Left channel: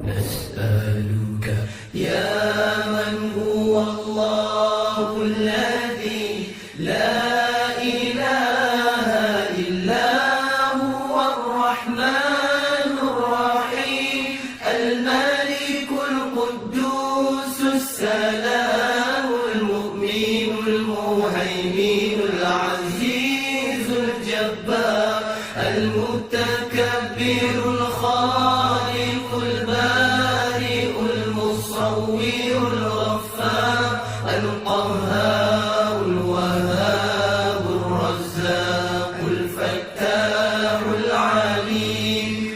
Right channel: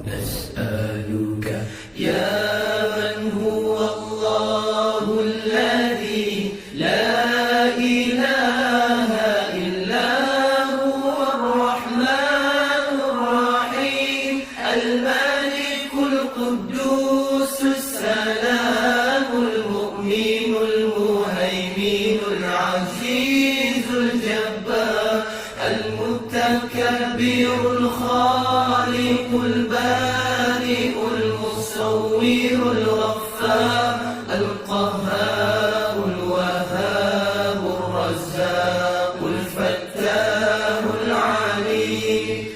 نسألك يا من هو الله الذي لا إله إلا هو الرحمن الرحيم الملك القدوس السلام المؤمن المهيمن العزيز الجبار المتكبر الخالق البارئ المصور الغفار القهار الوهاب الرزاق الفتاح العليم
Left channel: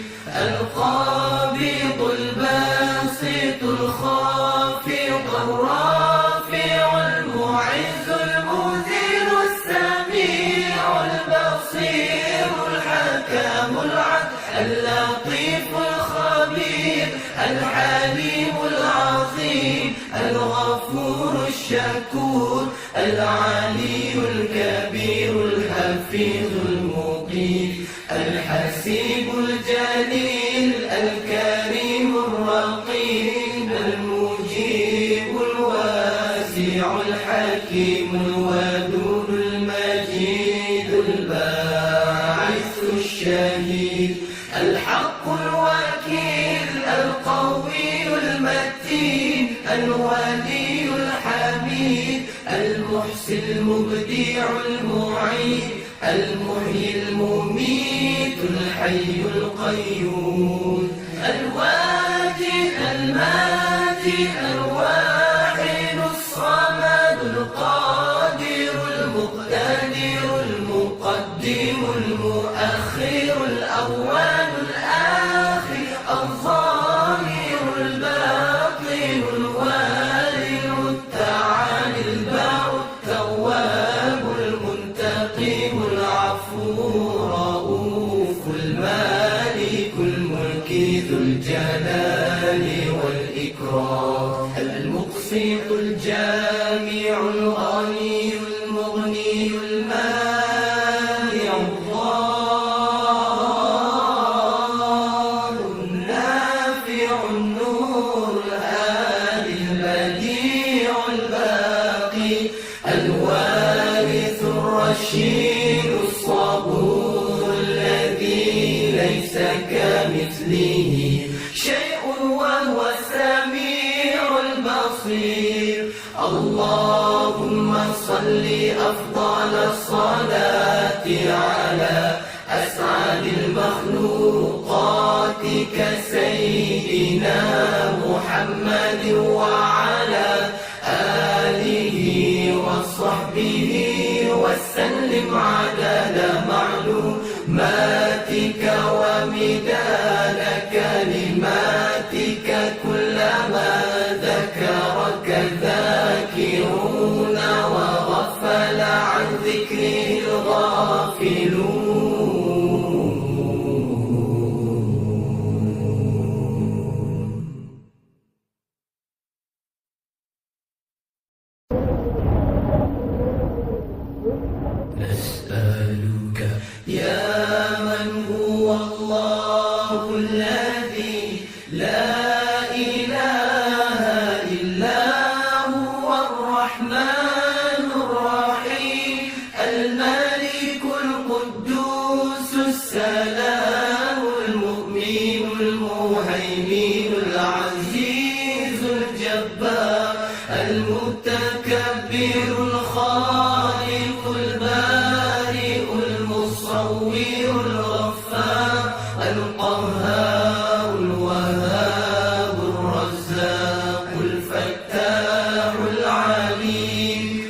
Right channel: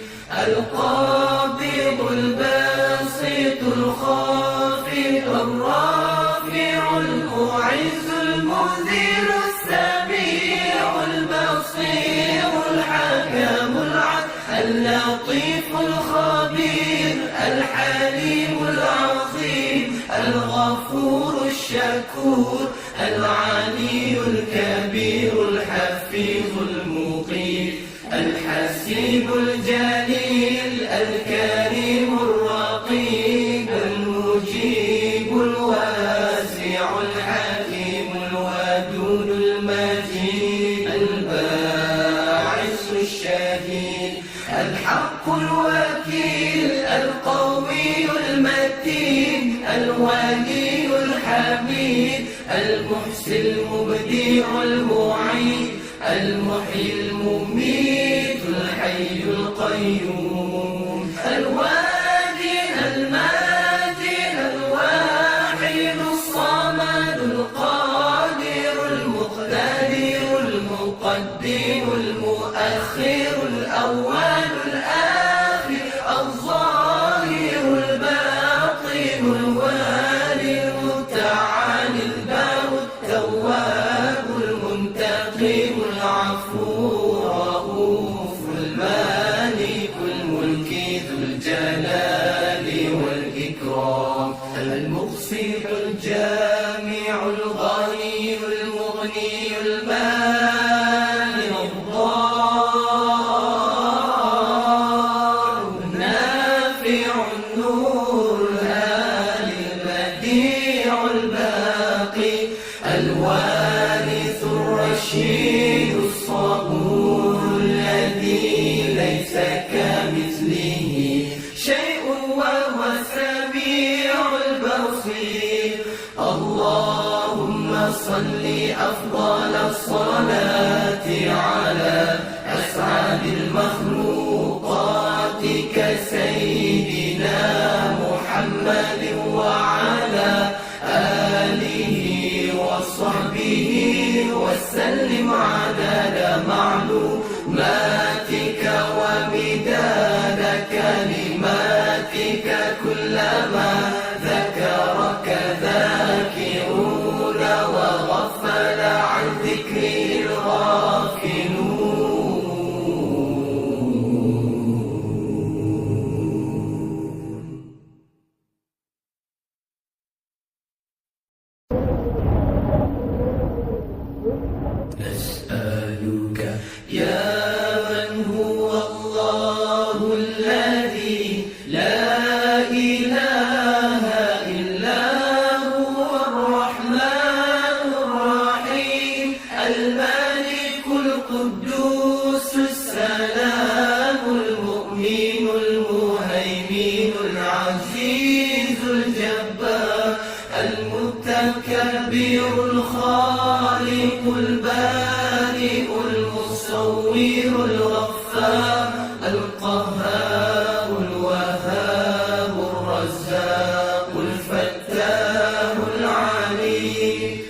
القابض الباسط الخافض الرافع المعز المذل السميع البصير الحكم العدل اللطيف الخبير الحليم العظيم الغفور الشكور العلي الكبير الحفيظ المقيم الحسيب الجليل الكريم الرقيب المجيب الواسع الحكيم الودود المجيد الباعث الشهيد الحق الوكيل القوي المتين الولي الحميد المحسن المبدع المعيد المحيي المميت الحي القيوم الواجد الماجد الواحد الصمد القادر المقتدر المقدم المؤخر الأول الآخر الظاهر الباطن الوالد التعالي البر التواب المنتقم العفو الرؤوف المالك الملك ذو الجلال والإكرام المقسط الجامع الغني المغني المانع الضار النافع النور الهادي البديع الباقي الوارث الرشيد الصبور الذي ليس كمثله شيء وهو السميع البصير اللهم صل أفضل الصلاة على أسعد المخلوقات كسيدنا محمد وعلى آله وصحبه وسلم عدد معلوماتك ومداد كلماتك كلما ذكرك ذاكرون وغفل عن ذكر الغافلون نسألك يا من هو الله الذي لا إله إلا هو الرحمن الرحيم الملك القدوس السلام المؤمن المهيمن العزيز الجبار المتكبر الخالق البارئ المصور الغفار القهار الوهاب الرزاق الفتاح العليم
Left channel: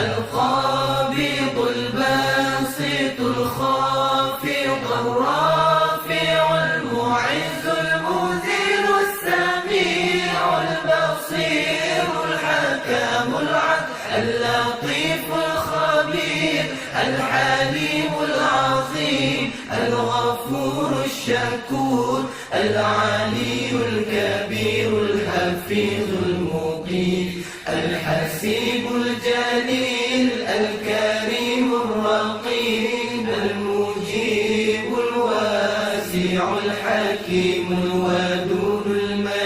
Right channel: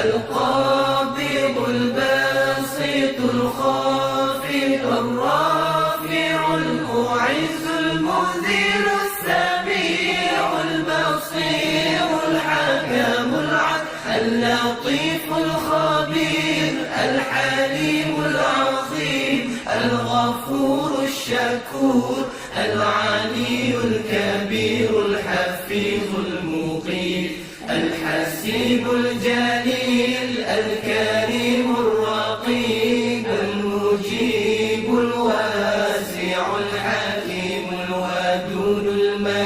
القابض الباسط الخافض الرافع المعز المذل السميع البصير الحكم العدل اللطيف الخبير الحليم العظيم الغفور الشكور العلي الكبير الحفيظ المقيم الحسيب الجليل الكريم الرقيب المجيب الواسع الحكيم الودود المجيد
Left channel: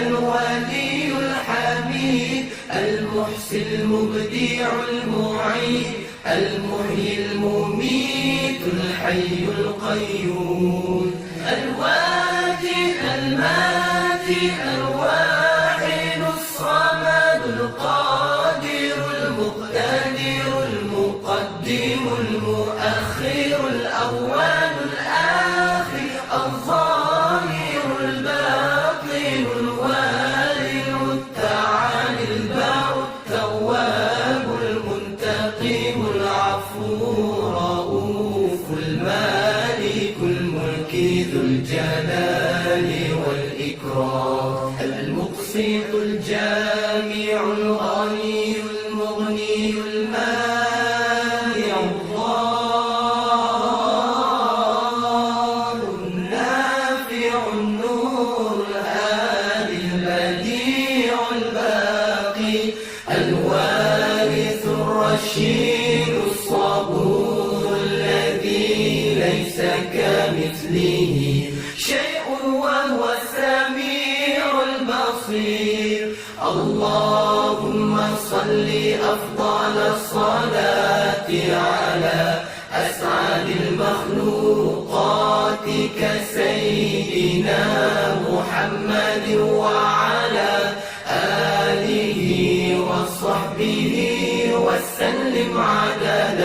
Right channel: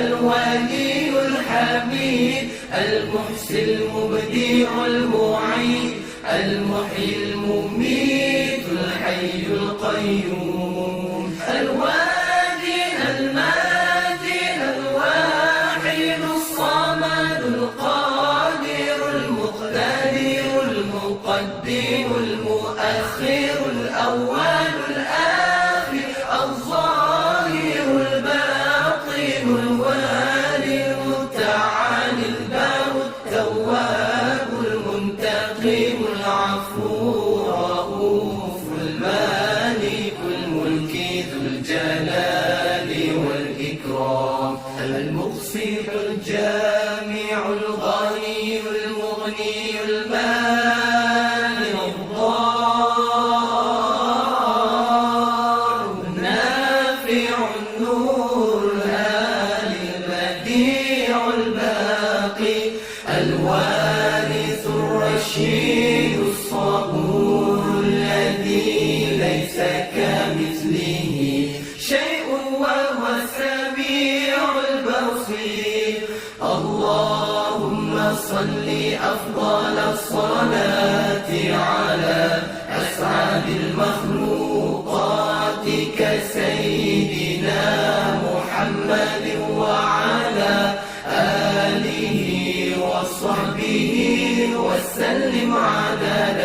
الولي الحميد المحسن المبدع المعيد المحيي المميت الحي القيوم الواجد الماجد الواحد الصمد القادر المقتدر المقدم المؤخر الأول الآخر الظاهر الباطن الوالد التعالي البر التواب المنتقم العفو الرؤوف المالك الملك ذو الجلال والإكرام المقسط الجامع الغني المغني المانع الضار النافع النور الهادي البديع الباقي الوارث الرشيد الصبور الذي ليس كمثله شيء وهو السميع البصير اللهم صل أفضل الصلاة على أسعد المخلوقات كسيدنا محمد وعلى آله وصحبه وسلم عدد